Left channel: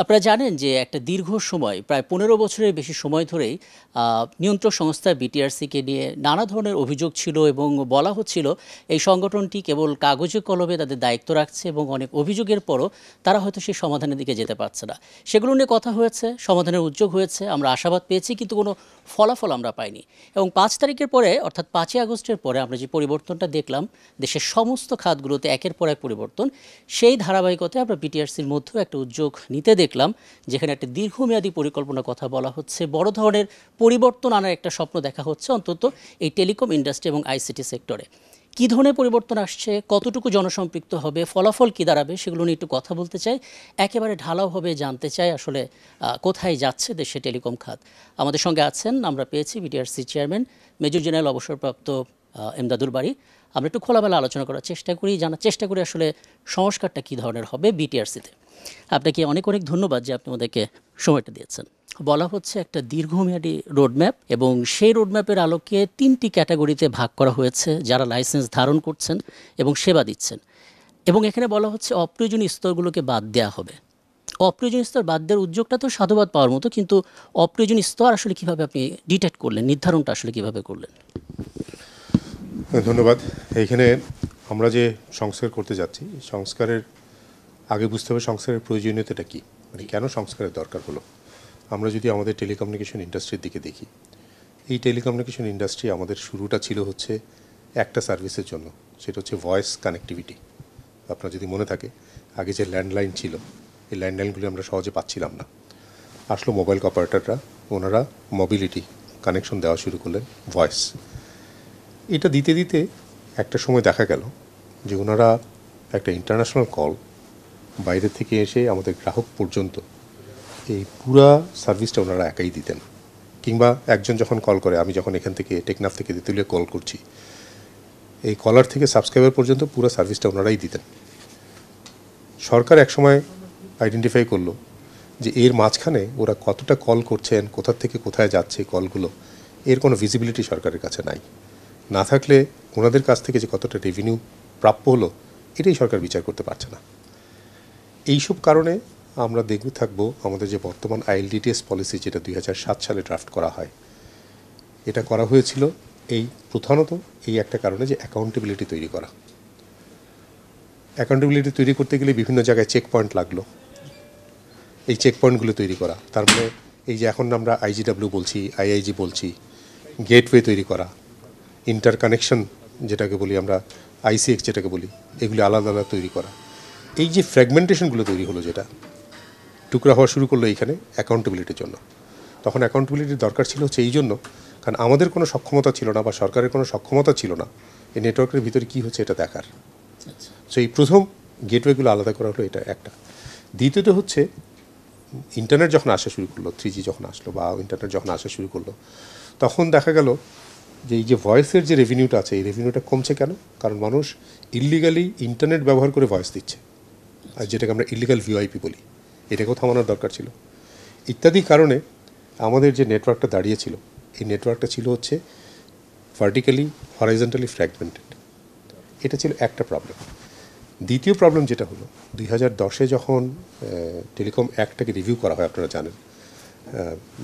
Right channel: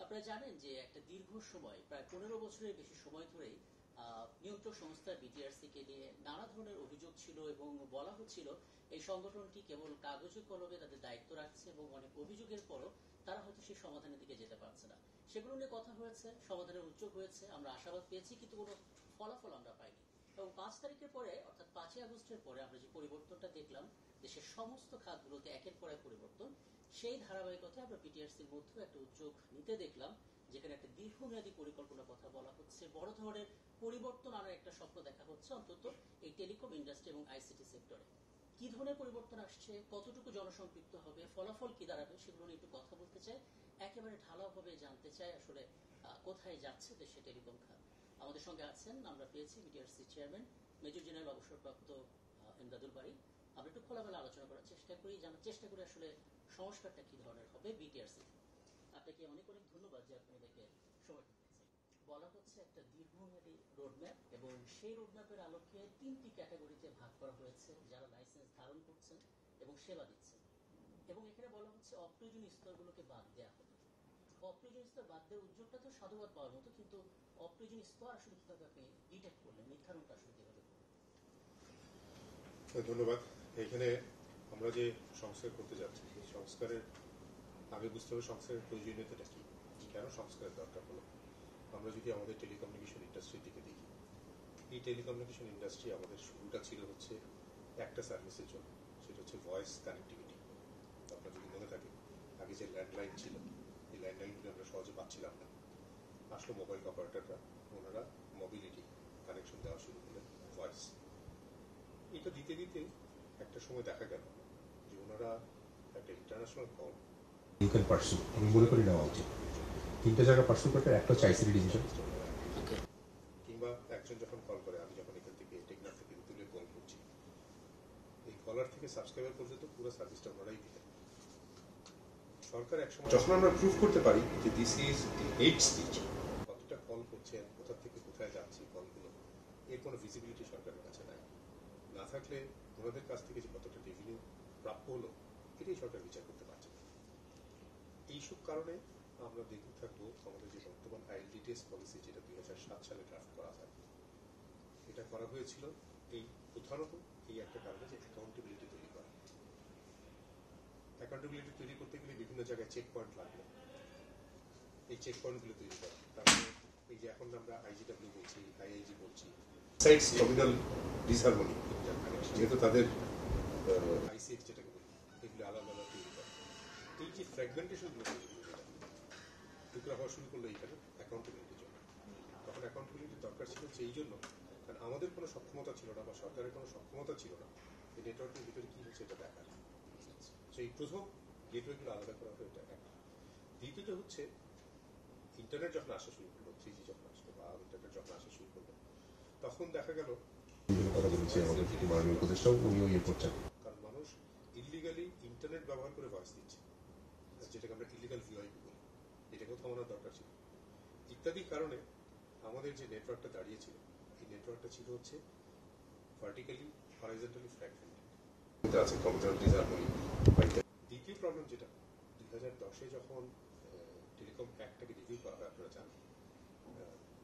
আপনারা জানেন যে একটা দীর্ঘ সময় প্রায় ১৫ বছরের বেশি সময় ধরেই নিয়ন্ত্রক সংস্থা বিটিআরসিকে নিয়ে নানা ধরনের অভিযোগ ছিল এবং বলা হচ্ছিল এই সংগঠনটি কেবল কাগজে কলমে তাদের দায়িত্ব রাখছে এবং অনেক অভিযোগের পরও তারা হয়তো সেই সমাধানের দিকে যেতে পারছে না। সেগুলো নিয়ে কথা হয়েছে, সমাধানের উদ্যোগ হয়েছে, আমরা আশাবাদ পেয়েছি, কিন্তু কোনো ফলাফল আমরা পাইনি। এবং ৫ তারিখের পরে অর্থাৎ ৫ই আগস্টের পরে আমরা যে পরিবর্তনটা দেখলাম দেশের সমস্ত খাতগুলোতে একের পর এক পরিবর্তন, সেই ধারাবাহিকতায় আমরা বিটিআরসির মধ্যেও একটা উদ্যোগ নিতে দেখলাম, যেখানে একটা দীর্ঘমেয়াদী পরিকল্পনার কথা বলা হচ্ছে, বড় ধরনের পরিবর্তন আনার একটা স্বপ্ন দেখা হচ্ছে অন্তত এই টেলিকম ইন্ডাস্ট্রি এবং আইসিটি সেক্টরে। কী ধরনের পরিবর্তন আসছে, কতটুকু জনসম্পৃক্ত হবে, ফলাফল কী দাঁড়াবে, সেগুলো নিয়ে একটু কথা বলতে চাই, একেবারে ঢালাওভাবে জানতে চাই আসলে কোথায় যাচ্ছে দেশে টেলিকম খাত। আমাদের সঙ্গে আছেন, আমরা পেয়েছি বিটিআরসি চেয়ারম্যান মেজর জেনারেল অবসরপ্রাপ্ত এমদাদুল বারী। আমরা একটু খোলামেলা আলোচনা করার চেষ্টা করি, জানার চেষ্টা করি আসলে সংস্কারটা কী ধরনের হবে বিটিআরসিতে। আপনাকে অনেক অনেক ধন্যবাদ যে আপনি আমাদেরকে সময়টা দিয়েছেন। বলা হচ্ছে একটা দীর্ঘমেয়াদী রোডম্যাপ, এবং সেই রোডম্যাপের আলোকে ৩টি ক্যাটাগরিতে ভাগ করা হয়েছে যারা লাইসেন্স ধারণ করছেন এবং সেবা দিচ্ছেন। এবং এখানে বলা হচ্ছে অপ্রয়োজনীয় স্তরগুলোকে বাদ দেওয়া হবে। অপ্রয়োজনীয় স্তর বাদ দেওয়ার উদ্যোগটা তো সাধুবাদ পাওয়ার মতো, কিন্তু অপ্রয়োজনীয় স্তর আসলে কীভাবে আপনি ডিটেক্ট করলেন, নির্ধারণটা আসলে কীভাবে করলেন? ধন্যবাদ। এইখানে আমরা যে সংস্কার করতে যাচ্ছি, সংস্কারের আগে বুঝতে হবে সংস্কারের প্রয়োজনীয়তাটা কী, মানে কেন সংস্কারের দরকার হলো। আমরা যদি আমাদের টেলিকমিউনিকেশন ইন্ডাস্ট্রির দিকে দেখি, এই টেলিকমিউনিকেশন ইন্ডাস্ট্রি আমাদের শুরুটা ছিল হচ্ছে একটা সার্ভিসের জন্য, সেটা হচ্ছে ভয়েস কানেক্টিভিটি। আপনার যদি মনে থাকে, আগে যে ল্যান্ডলাইন ছিল, এই ল্যান্ডলাইনগুলি আমরা সহজে পাচ্ছিলাম না। আসলো মোবাইল অপারেটররা, ওনারা মোবিলিটি কানেকশন দেওয়া শুরু করলেন, ভয়েস। এটা দিতে দিতে একটা সময় দেখা গেল যে ওনারা একটা ইন্টারন্যাশনাল কল বাইরে থেকে এসে আমাদের গ্রাহক পর্যন্ত এই পুরো সার্ভিসটা ওনারা একাই দিতেন। কিংবা একজন যখন কল করে, আমি যখন এখান থেকে টেকনাফ থেকে তেঁতুলিয়া কল করছি, এই কলার থেকে সাবস্ক্রাইবার পর্যন্ত পুরো সার্ভিসটা ওনারাই দিতেন। সরকার একসময় আইডেন্টিফাই করলো যে এর মাঝখানে ওরা কতটা কল করছেন, কোথা থেকে কোথায় যাচ্ছে কলগুলো, এর কোনো ভিজিবিলিটি সরকারের কাছে নাই। না থাকলে ওনাদের কাছ থেকে যে কতটা রেভিনিউ প্রাপ্য হলো, এটাই সরকার বিচার করতে পারছে না। এইসব কারণে আমরা দেখতে থাকবো আমাদের যে বর্তমান আইএলডিটিএস পলিসি, যেটা 2007 সালে ড্রাফট করা হয়, এটা করা হয়েছিল এই প্রধানত এই একটা কারণে যে অ্যাকাউন্টেবিলিটি তৈরি করা। অ্যাকাউন্টেবিলিটি তৈরি করতে গেলে বিভিন্ন জায়গায় চেক পয়েন্ট লাগলো, এই চেক পয়েন্টগুলো তৈরি করা। তার মানে এই যে এখন আমরা আইজিডাব্লিউ বলছি, আইআইজি বলছি, গেটওয়ে তৈরি করা, ইন্টার কানেকশন যেটাকে বলি আমরা, আইসিএক্স যেটাকে বলি, এগুলি আলাদা আলাদা তৈরি করা। এই যে ফ্র্যাগমেন্টেশনগুলো তৈরি হলো, যেটা টুকরা হওয়া শুরু করলো এইখানে অ্যাকাউন্টেবিলিটির জন্য। তখন অ্যাকাউন্টেবিলিটির দরকার ছিল হচ্ছে এই জন্য, কারণ আমাদের কোনো সক্ষমতা ছিল না বা সরকারের কোনো সক্ষমতা ছিল না এই নেটওয়ার্কের ভিতরে কী হচ্ছে এটা দেখার। সো এই প্রথম গেটওয়েগুলো আলাদা করা হলো, এটা একটা। দ্বিতীয়ত হচ্ছে ইন্টারনেট যখন আসা শুরু করলো, 3G যখন আসলো বা ইন্টারনেট যখন আসা শুরু করলো, তখন দেখা গেল যে এই যে ভয়েসের যে রেভিনিউটা আছে, এই রেভিনিউটা কমছে কেন? কারণ মানুষ ইল্লিগালি ইন্টারনেট ব্যবহার করে ভয়েস দিচ্ছে, আর যেটাকে আমরা ইল্লিগাল ভিওআইপি বলি, এটাকেও থামানোর দরকার ছিল। ইত্যাদি কারণে আমাদের যে নেটওয়ার্কটা দাঁড়িয়েছিল, এই নেটওয়ার্কটা ছিল হচ্ছে ভার্টিক্যালি হরাইজন্টালি ফ্র্যাগমেন্টেড। এটা ছিল একটা প্রবলেম। দ্বিতীয় প্রবলেম যেটা হলো, 2010-এ যখন টেলিকম অ্যাক্টটাকে রিভিউ করা হয়, আপনারা জানেন,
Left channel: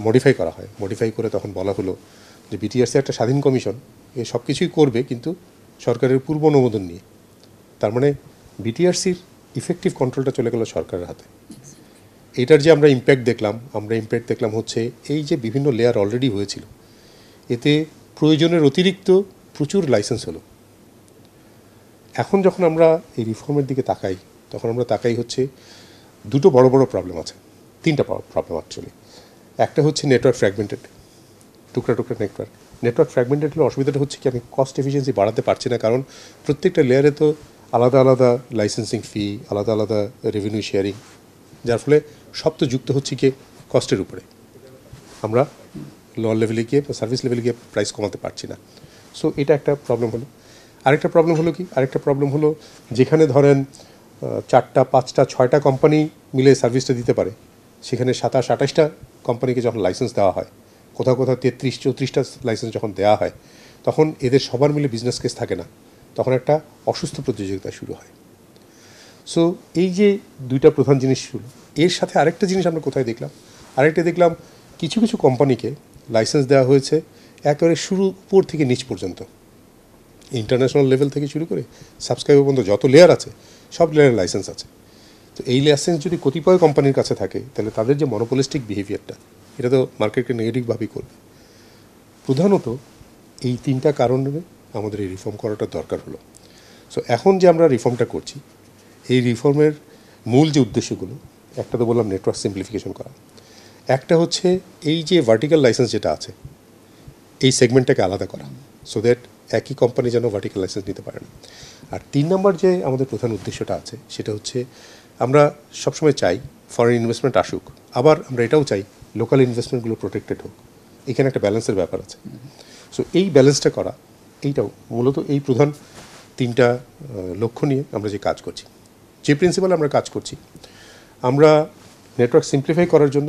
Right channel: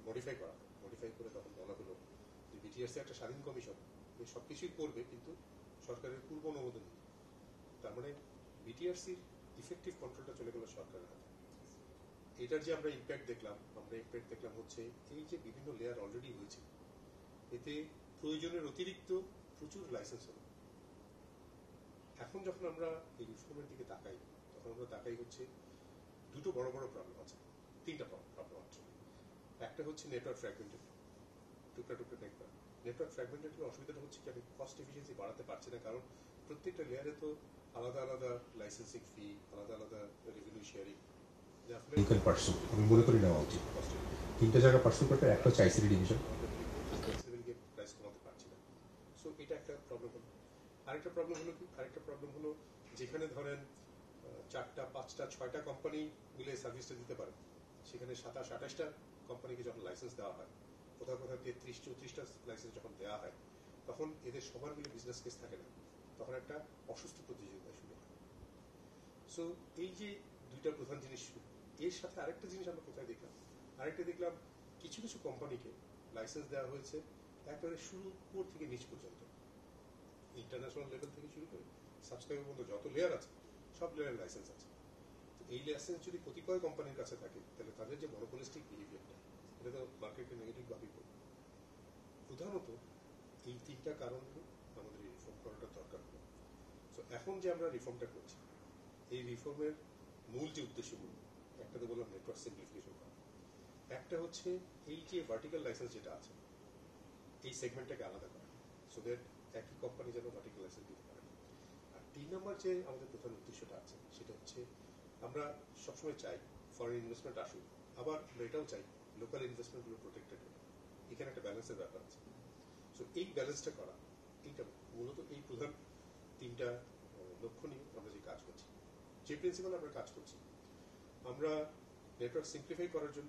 মডিফাই করা হয়, মডিফাই করে তখন বলা হলো যে বিটিআরসি একটা স্বাধীন কমিশন, এ সব কিছুই করবে কিন্তু সরকারের পূর্ব অনুমোদন নিয়ে। তার মানে বিটিআরসির ইফেক্টিভ কন্ট্রোলটা চলে গেল সরকারের হাতে। এটার যে আমরা ইম্প্যাক্ট দেখলাম হচ্ছে এই যে বিভিন্ন লেয়ার অলরেডি হয়েছিল, এতে প্রয়োজনের অতিরিক্ত প্রচুর লাইসেন্স হলো। এখন যখন আমরা এই রিফর্মের দিকে তাকাই, তখন আমরা তাকাই হচ্ছে দুটো বড় বড় প্রবলেম আছে, তিনটা প্রবলেম অ্যাকচুয়ালি। একটা হচ্ছে নেটওয়ার্ক ফ্র্যাগমেন্টেড, টুকরা টুকরা নেটওয়ার্ক ফ্র্যাগমেন্টেড হলে অসুবিধাটা হচ্ছে কি, আমি কস্ট এফিসিয়েন্সি বাড়াতে পারছি না, কারণ প্রত্যেকটা লেয়ারে তো আলাদা আলাদা লাইসেন্সিং ফি, আলাদা আলাদা রেভিনিউ শেয়ারিং, যার ফলে সব তো যুক্ত হচ্ছে কি কস্টের উপরে। আমরা লোয়ার লেভেলে গিয়ে, সার্ভিস লেভেলে গিয়ে প্রাইস কমাতে পারছি না। সো এটা একটা প্রবলেম হলো। আরেকটা প্রবলেম হলো যেখানে ধরেন 4টা 5টা 6টা কোম্পানি মিলে সার্ভিসটা দিতে পারে, সেখানে 27-28টা কোম্পানিকে যখন লাইসেন্স দেওয়া হয়, কোথাও কোথাও 33-34টা লাইসেন্স যখন দেওয়া হয়, তখন এদের সবার মিলে বিজনেস কেস থাকে না, তখন একটা অসুস্থ প্রতিযোগিতা শুরু হয়। সো এই যে দুইটা প্রধান জিনিস এর সাথে আরেকটা জিনিস আমরা কোথায় দেখলাম, আরেকটা দেখলাম কিছু কিছু কোম্পানিকে লাইসেন্স দেওয়া হয়েছে একেবারে শুরু উপর থেকে নিচ পর্যন্ত, ইন্টারন্যাশনাল লেভেল থেকে শুরু করে সাবস্ক্রাইবার পর্যন্ত যত লেয়ার আছে সব লেয়ারের লাইসেন্স আছে। তো এই লাইসেন্স যদি কতিপয় কোম্পানির কাছে থাকে তাহলে তাদের যে মনোপলিস্টিক বিহেভিয়ারটা, এটা তো মার্কেটকে নেগেটিভভাবেই করবে। প্রধানত এই তিনটা কারণে আমাদের এই রিফর্ম করাটা দরকার হলো। সো এখন যে আমরা রিফর্মটা করছি, এই রিফর্মের মূল যে উদ্দেশ্যগুলো, একটা তো বললাম নেটওয়ার্ক সিম্পলিফিকেশন করা, একটা হচ্ছে এই যে ভার্টিক্যাল লাইসেন্স যেটা আছে এই সেগমেন্টটাকে আলাদা করা, সো দ্যাট একই কোম্পানি যেন ভার্টিক্যাল লাইসেন্স নিতে পারে না। আর 3 নম্বর যে আমাদের প্রধান উদ্দেশ্যটা আছে সেটা হচ্ছে আমরা সবসময় চাই ফরেন ইনভেস্টমেন্ট আসুক, আবার আমরা এটাও চাই লোকাল ইনভেস্টমেন্টগুলো প্রোটেক্টেড হোক। এখানে একটা ব্যালেন্সের ব্যাপার আছে। সো এই ব্যালেন্সটা করা, এইটাও মূলত এই প্রধান 3টা লক্ষ্য নিয়ে আমরা যে কাজ করছি, যে প্রিন্সিপালে আমরা কাজ করছি। আমরা নেটওয়ার্ক সিম্পলিফাই করার জন্য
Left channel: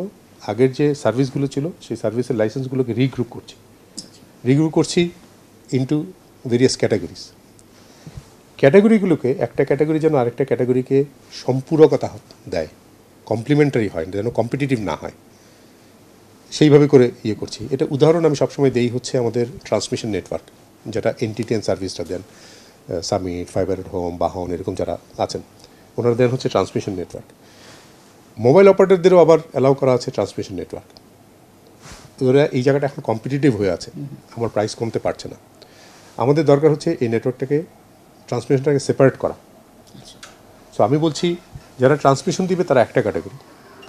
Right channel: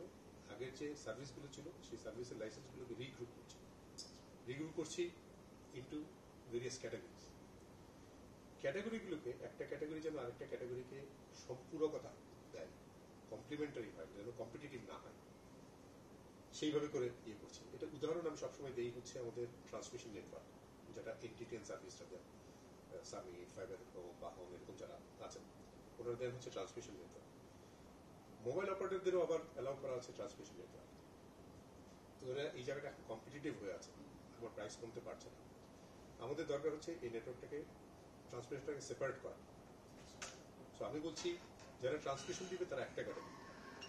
আগের যে সার্ভিসগুলো ছিল সেই সার্ভিসের লাইসেন্সগুলোকে রিগ্রুপ করছি ইনটু ভেরিয়াস ক্যাটাগরিজ। ক্যাটাগরিগুলোকে একটা ক্যাটাগরি যেন আরেকটা ক্যাটাগরিকে সম্পূরকতা দেয়, কমপ্লিমেন্টারি হয়, যেন কম্পিটিটিভ না হয়, সেইভাবে করে করছি। এটা উদাহরণ আমি সবসময় দেই হচ্ছে আমাদের ট্রান্সমিশন নেটওয়ার্ক, যেটা এনটিটিএন সার্ভিসটা দেন, সামিট, ফাইবার এট হোম, বাহন, এরকম যারা আছেন ওনারা দেন হচ্ছে ট্রান্সমিশন নেটওয়ার্ক। মোবাইল অপারেটরদেরও আবার অ্যালাউ করা আছে ট্রান্সমিশন নেটওয়ার্ক। ওরা এই জায়গাটা এখন কম্পিটিটিভ হয়ে আছে, আমার প্রাইস কমতে পারছে না। আমাদের দরকার হচ্ছে এই নেটওয়ার্কটাকে, ট্রান্সমিশনটাকে সেপারেট করা। সো আমি বলছি যারা ট্রান্সমিশন দিবে তারা একটা ক্যাটাগরি,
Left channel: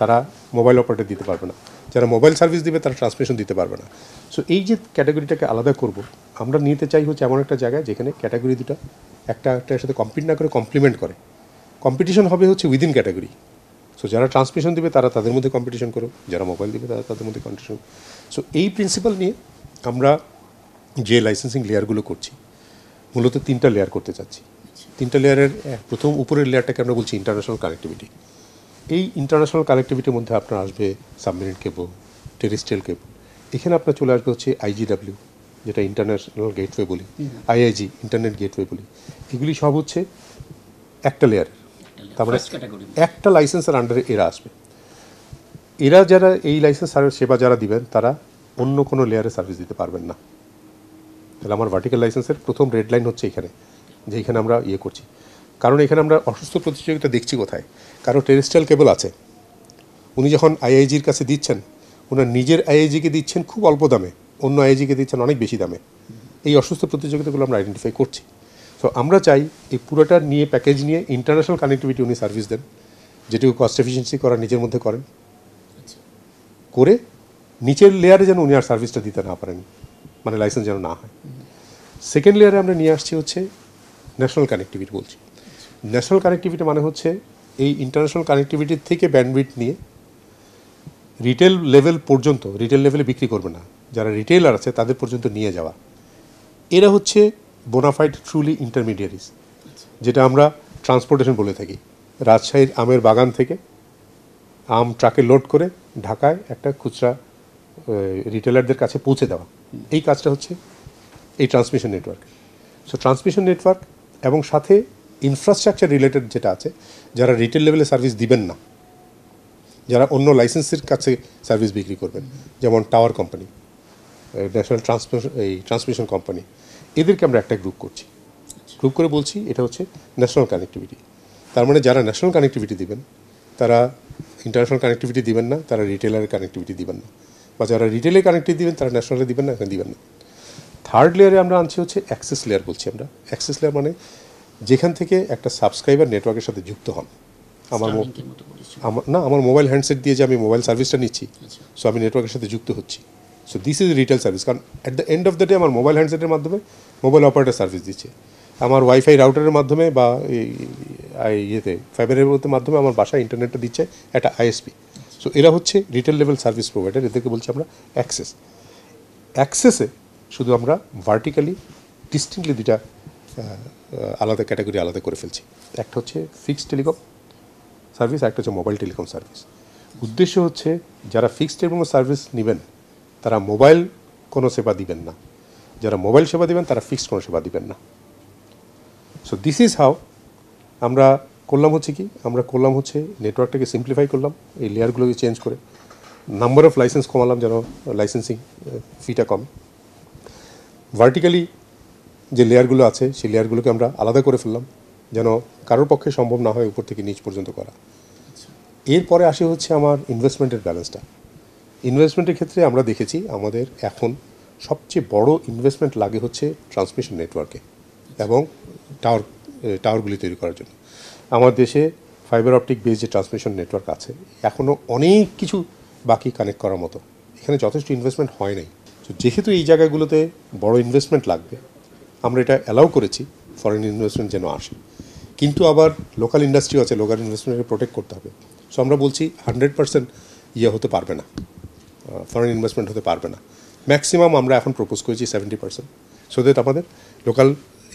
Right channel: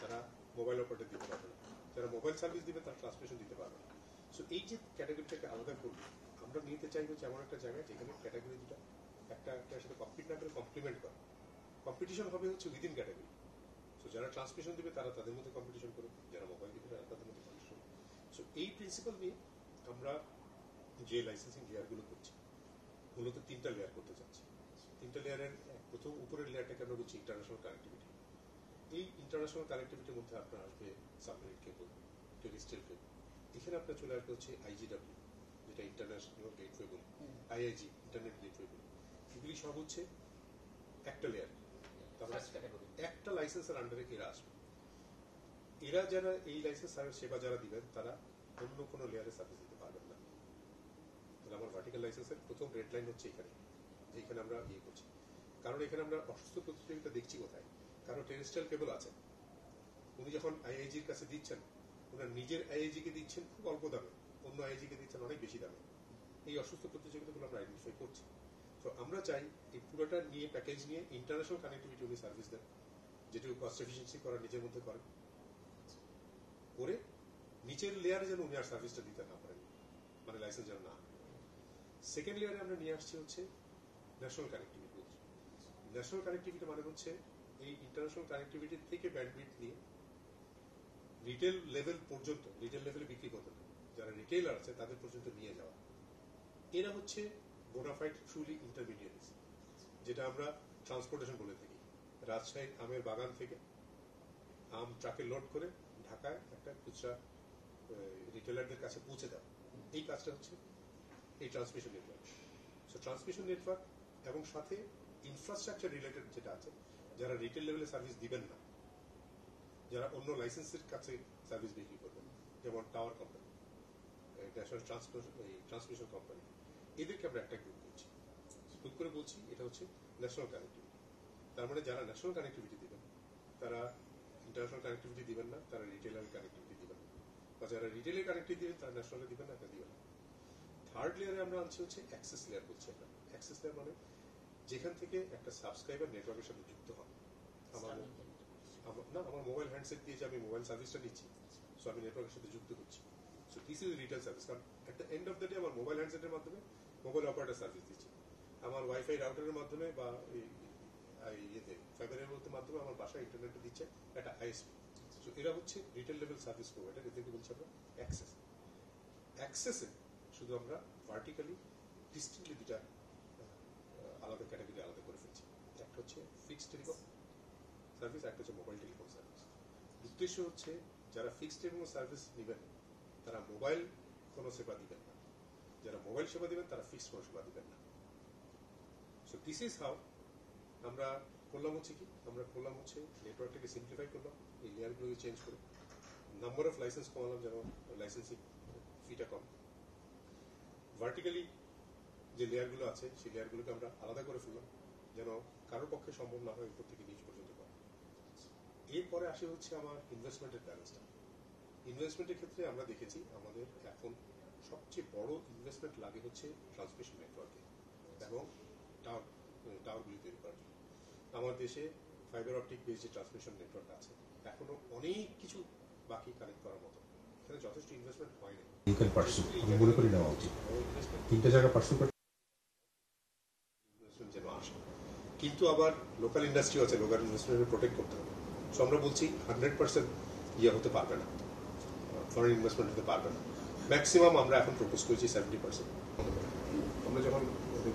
তারা মোবাইল অপারেটর দিতে পারবে না। যারা মোবাইল সার্ভিস দিবে তারা ট্রান্সমিশন দিতে পারবে না। সো এই যে ক্যাটাগরিটাকে আলাদা করব, আমরা নিতে চাই হচ্ছে এমন একটা জায়গায় যেখানে ক্যাটাগরি দুটো একটার সাথে কম্পিট না করে কমপ্লিমেন্ট করে। কম্পিটিশন হবে হচ্ছে উইদিন ক্যাটাগরি। সো যারা ট্রান্সমিশন দিবে তারা তাদের মধ্যে কম্পিটিশন করুক, যারা মোবাইল দিবে তারা তাদের মধ্যে কম্পিটিশন। সো এই প্রিন্সিপাল নিয়ে আমরা যে লাইসেন্সিং লেয়ারগুলো করছি, মূলত 3টা লেয়ার করতে চাচ্ছি। 3টা লেয়ারের প্রথম উপরের লেয়ারটাকে আমরা বলছি ইন্টারন্যাশনাল কানেক্টিভিটি। এই ইন্টারন্যাশনাল কানেক্টিভিটির মধ্যে আপনার আসবে সাবমেরিন কেবল, টেরেস্ট্রিয়াল কেবল। এখানে আপনার চলে আসবে হচ্ছে IGW, যেটা ইন্টারন্যাশনাল গেটওয়ে বলি, IIG ইন্টারনেট গেটওয়ে বলি। এগুলি সব হচ্ছে একটা লেয়ারের, তার মানে একটা লাইসেন্সের আন্ডারে এরা আসবে। এরা যারা এই লাইসেন্স সেবা যারা দিবেন তারা অন্য কোনো লেয়ারে সার্ভিস দিতে পারবেন না। তাহলে আমার ভার্টিক্যাল লাইসেন্সের প্রথম রেড লাইন হচ্ছে এখানে, যে এখানে আমরা করছি। কারণ এখানে আমরা অসুস্থ প্রতিযোগিতা দেখছি কোথায়, কারো টেরেস্ট্রিয়াল কেবল আছে, উনি যখন IIGর কাছে দিচ্ছেন, ওনার নিজের IIGকে দিচ্ছেন খুব অল্প দামে, অন্য IIGকে দিচ্ছেন অনেক বেশি দামে। এই অসুস্থ প্রতিযোগিতাগুলো আমরা আইডেন্টিফাই করছি। সো আমরা চাই এই পুরোটা নিয়ে প্যাকেজ নিয়ে ইন্টারন্যাশনাল কানেক্টিভিটি উনি সার্ভিস দেন, যেটুকু কস্ট এফিসিয়েন্সি করার নিজের মধ্যে করেন, করে নিচের লেয়ারে যেন উনি আর সার্ভিসটা দিতে না পারেন, মানে লাইসেন্স যেন না হয়। সেকেন্ড লেয়ারে আমরা নিয়ে আসছি হচ্ছে ন্যাশনাল কানেক্টিভিটি বলছি। ন্যাশনাল কানেক্টিভিটি মানে হচ্ছে এই ইন্টারন্যাশনাল কানেক্টিভিটির থেকে ব্যান্ডউইথ নিয়ে রিটেল লেভেল পর্যন্ত, রিটেল লেভেলে বিক্রি করবে না, যারা রিটেলার আছে তাদের পর্যন্ত নিয়ে যাওয়া। এরা হচ্ছে বোনাফাইড ট্রুলি ইন্টারমিডিয়ারিজ, যেটা আমরা ট্রান্সপোর্টেশন বলে থাকি। রাজশাহীর আমের বাগান থেকে আম ট্রাকে লোড করে ঢাকায় একটা খুচরা রিটেলারদের কাছে পৌঁছে দেওয়া, এই কাজটা হচ্ছে এই transmission network. So transmission network এবং সাথে ইনফ্রাস্ট্রাকচার রিলেটেড যেটা আছে, যারা রিটেল লেভেলে সার্ভিস দিবেন না, যারা অন্য লাইসেন্সের কাছে সার্ভিস বিক্রি করবেন, যেমন tower company, national transmission company, এদেরকে আমরা একটা গ্রুপ করছি। গ্রুপ করে বলছি এটা হচ্ছে ন্যাশনাল কানেক্টিভিটি। তার মানে যারা ন্যাশনাল কানেক্টিভিটি দিবেন তারা ইন্টারন্যাশনাল কানেক্টিভিটি দিবেন না, তারা রিটেলারের কানেক্টিভিটি দিবেন না, বা যারা রিটেলের কানেক্টিভিটি দিবেন তারা ন্যাশনালে দিবেন না, এখানে দিবেন না। থার্ড লেয়ারে আমরা আনছি হচ্ছে অ্যাক্সেস লেয়ার বলছি আমরা। অ্যাক্সেস লেয়ার মানে যেখান থেকে একটা সাবস্ক্রাইবার নেটওয়ার্কের সাথে যুক্ত হন। আমার মোবাইল হ্যান্ডসেট দিয়ে যে আমি মোবাইল সার্ভিসটা নিচ্ছি, সো আমি নেটওয়ার্কের সাথে যুক্ত হচ্ছি। So this is retail service. কারণ at the end of the day আমার মোবাইল হ্যান্ডসেটের মাধ্যমে মোবাইল অপারেটর সার্ভিস দিচ্ছে, আমার ওয়াইফাই রাউটারের মাধ্যমে বা ফাইবারের মাধ্যমে আমার বাসায় ইন্টারনেটটা দিচ্ছে একটা ISP। সো এরা হচ্ছে রিটেল লেভেল সার্ভিস প্রোভাইডার, এদেরকে বলছি আমরা অ্যাক্সেস। অ্যাক্সেসে শুধু আমরা ভার্টিক্যালি ডিস্টিংক্টলি দুটা আলাদা ক্যাটাগরি আলাদা করে ফেলছি। একটা হচ্ছে ফিক্সড টেলিকম সার্ভিস, একটা হচ্ছে মোবাইল টেলিকম সার্ভিস। উদ্দেশ্য হচ্ছে যারা ফিক্সড টেলিকম সার্ভিস নেবেন তারা মোবাইল কোনো সেবা দিবেন না, যারা মোবাইল সেবা দিবেন তারা ফিক্সড কোনো সেবা দিবেন না। সো দিস ইজ হাউ আমরা করলাম হচ্ছে কি, আমরা করলাম হচ্ছে নেটওয়ার্কটাকে সিম্পলিফাই করলাম, এই লেয়ারগুলোকে চেঞ্জ করে নাম্বার অফ লাইসেন্স কমালাম যেন লাইসেন্সিং ফিটা কম। ভার্টিক্যালি যে লেয়ারগুলো আছে সেই লেয়ারগুলোকে আমরা আলাদা করে ফেললাম যেন কারোর পক্ষে সম্ভব না হয় উপর থেকে নিচ পর্যন্ত করা। এরপরে আসে হচ্ছে আমার ইনভেস্টমেন্টের ব্যালেন্সটা। ইনভেস্টমেন্টের ক্ষেত্রে আমরা দেখেছি আমাদের এখন সবচেয়ে বড় ইনভেস্টমেন্ট লাগে হচ্ছে ট্রান্সমিশন নেটওয়ার্কে এবং টাওয়ারগুলি তৈরি করার জন্য। আমার দেশে ফাইবার অপটিক বেস যে ট্রান্সমিশন নেটওয়ার্ক আছে এখনও অনেক কিছু বাকি কানেক্ট করার মতো, এখানে যথেষ্ট ইনভেস্টমেন্ট হয় নাই। যেহেতু এই জায়গাগুলোতে বড় ইনভেস্টমেন্ট লাগবে আমরা এটা অ্যালাউ করেছি ফরেন ইনভেস্টমেন্ট যেন আসে, কিন্তু আবার লোকাল ইন্ডাস্ট্রিও আছে, লোকাল ইনভেস্টমেন্টকে প্রোটেক্ট করতে হবে। সো আমরা বলছি 100% ইয়ে হতে পারবে না, ফরেন ইনভেস্টমেন্ট হতে পারবে না। ম্যাক্সিমাম আমরা এখন প্রপোজ করেছি 70%, সো দ্যাট আমাদের লোকাল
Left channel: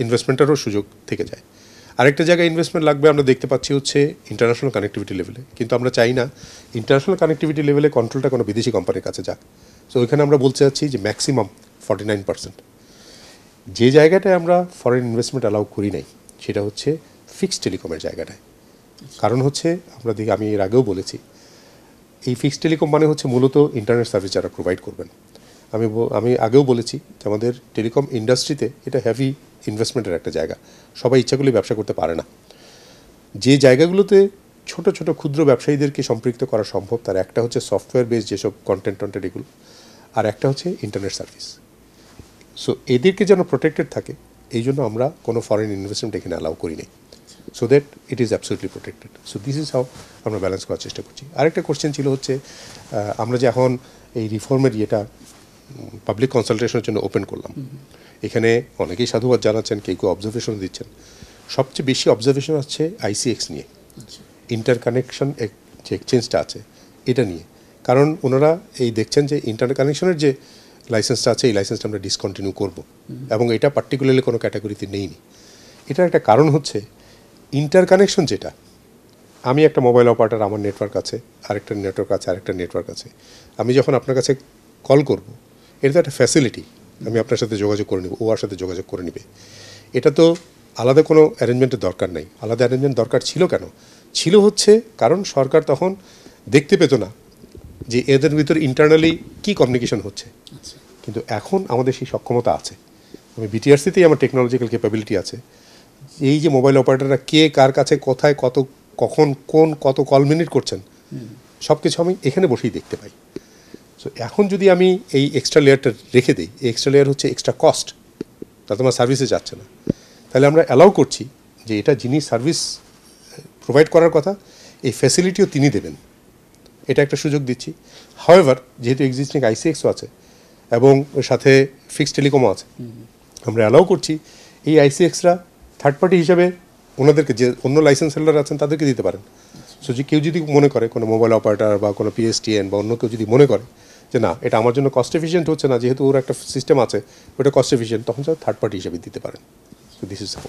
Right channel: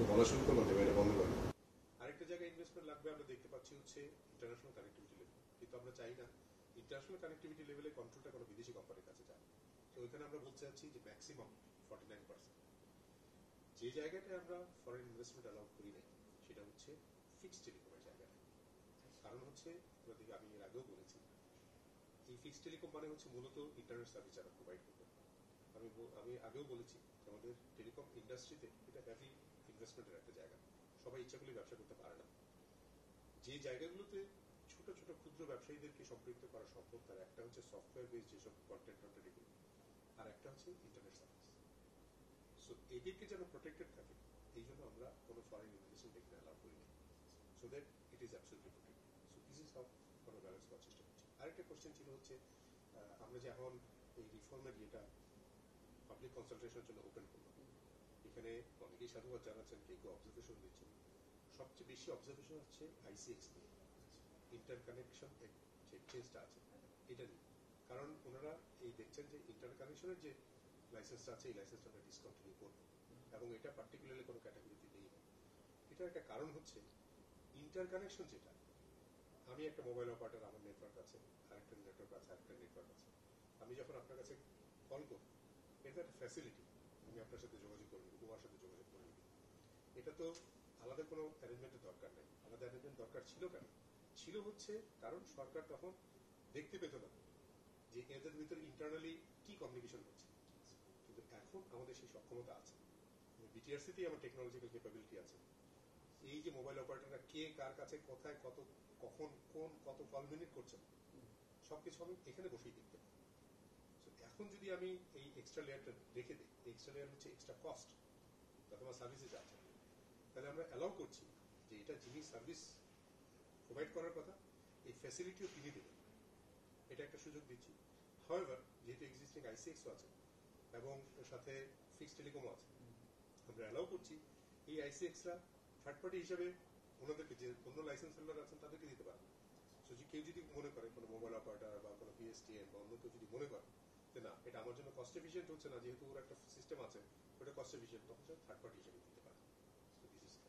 ইনভেস্টমেন্টেরও সুযোগ থেকে যায়। আরেকটা জায়গায় ইনভেস্টমেন্ট লাগবে আমরা দেখতে পাচ্ছি হচ্ছে ইন্টারন্যাশনাল কানেক্টিভিটি লেভেলে, কিন্তু আমরা চাই না ইন্টারন্যাশনাল কানেক্টিভিটি লেভেলে কন্ট্রোলটা কোনো বিদেশি কোম্পানির কাছে যাক। সো ওইখানে আমরা বলতে চাচ্ছি যে ম্যাক্সিমাম 49%। যে জায়গাটায় আমরা ফরেন ইনভেস্টমেন্ট অ্যালাউ করি নাই সেটা হচ্ছে ফিক্সড টেলিকমের জায়গাটায়। কারণ হচ্ছে আমি এর আগেও বলেছি এই ফিক্সড টেলিকম মানে হচ্ছে মূলত ইন্টারনেট সার্ভিস যারা প্রোভাইড করবেন। আমি আগেও বলেছি যে আমাদের টেলিকম ইন্ডাস্ট্রিতে এটা হেভি ইনভেস্টমেন্টের একটা জায়গা, সবাই ইচ্ছা করলে ব্যবসা করতে পারে না। যে জায়গাগুলোতে ছোট ছোট ক্ষুদ্র ব্যবসায়ীদেরকে সম্পৃক্ত করা সম্ভব তার একটা হচ্ছে সফটওয়্যার বেস যেসব কন্টেন্ট এগুলো, আর একটা হচ্ছে ইন্টারনেট সার্ভিস। সো এদেরকে যেন প্রোটেক্টেড থাকে এই জন্য আমরা কোনো ফরেন ইনভেস্টমেন্ট এখানে অ্যালাউ করি নাই, so that it is absolutely protected. So this is how আমরা ব্যালেন্স করার চেষ্টা করছি। আরেকটা কোশ্চেন ছিল হচ্ছে আমরা যে এখন এই রিফর্মের ইয়েটা পাবলিক কনসালটেশনের জন্য ওপেন করলাম, এখানে অনেকেই সাধুবাদ জানাচ্ছেন, কেউ কেউ অবজারভেশন দিচ্ছেন। সবচেয়ে বেশি অবজারভেশন আসছে আইসিএক্স নিয়ে, ইন্টারকানেকশন যে এক্সচেঞ্জটা আছে এটা নিয়ে। কারণ ওনারা এই দেখছেন যে ইন্টারকানেকশনের যে লাইসেন্সটা আছে এই লাইসেন্সটা আমরা ডিসকন্টিনিউ করব এবং এটা পার্টিকুলারলি কোনো ক্যাটাগরিতে নেইনি। এটার একটা কারণ হচ্ছে ইন্টারকানেকশন যেটা, আমি একটা মোবাইল অপারেটর, আমার নেটওয়ার্ক আছে, আরেকটা নেটওয়ার্ক আছে, আরেকটা নেটওয়ার্ক আছে। আমি যখন আপনার কাছে কল করব এটা তো একটা ফ্যাসিলিটি, আমি আপনার সাথে যোগাযোগ করে নেব, ও আর সাথে যোগাযোগ করে নেবে। এটা তো আলাদা কোনো অ্যারেঞ্জমেন্টের দরকার নাই। আলাদা অ্যারেঞ্জমেন্ট দরকার ছিল কেন? ছিল হচ্ছে কারণ সরকার তখন দেখতে পেত না যে এদের ভিতর ইন্টারনালি কী কমিউনিকেশন হচ্ছে, কিন্তু এখন আমাদের সেই সক্ষমতা আছে। আমি বিটিআরসিতেই আমার টেকনোলজিক্যাল ক্যাপাবিলিটি আছে। এই যে মোবাইল অপারেটররা কে কার কাছে কোথায় কখন কত কল মিনিট করছেন সব কিছু আমি এখানে বসেই দেখতে পাই। সো এখন যদি আমি এই এক্সট্রা লেয়ারটা রেখে দিই, এই এক্সট্রা লেয়ার হচ্ছে এক্সট্রা কস্ট, তা তোমার সার্ভিসে যাচ্ছে না, তাহলে আমরা অ্যালাউ করছি যে এটা যিনি সার্ভিস প্রোভাইড করার কথা এই ফ্যাসিলিটিও তিনি দেবেন, এটা একটা সুযোগ দিচ্ছি। হাওয়েভার যেহেতু এক্সিস্টিং আইসিএক্সও আছে এবং ওর সাথে ফিক্সড টেলিকমও আছে, আমরা অ্যালাউ করছি এই আইসিএক্সরা থার্ড পার্টি হিসাবে ওনাদেরকে যে অন্য লাইসেন্স হোল্ডার আছেন তাদেরকে দিতে পারেন। সো যে কেউ যদি মনে করে কোনো মোবাইল অপারেটর বা কোনো পিএসটিএন বা অন্য কেউ যদি মনে করে যে না এটা আমার জন্য কস্ট এফিশিয়েন্ট হচ্ছে না, যেহেতু ওর একটা সিস্টেম আছে ওটা কস্ট এফিশিয়েন্ট, তখন স্যার থার্ড পার্টি হিসেবে দিতে পারেন। So this is how.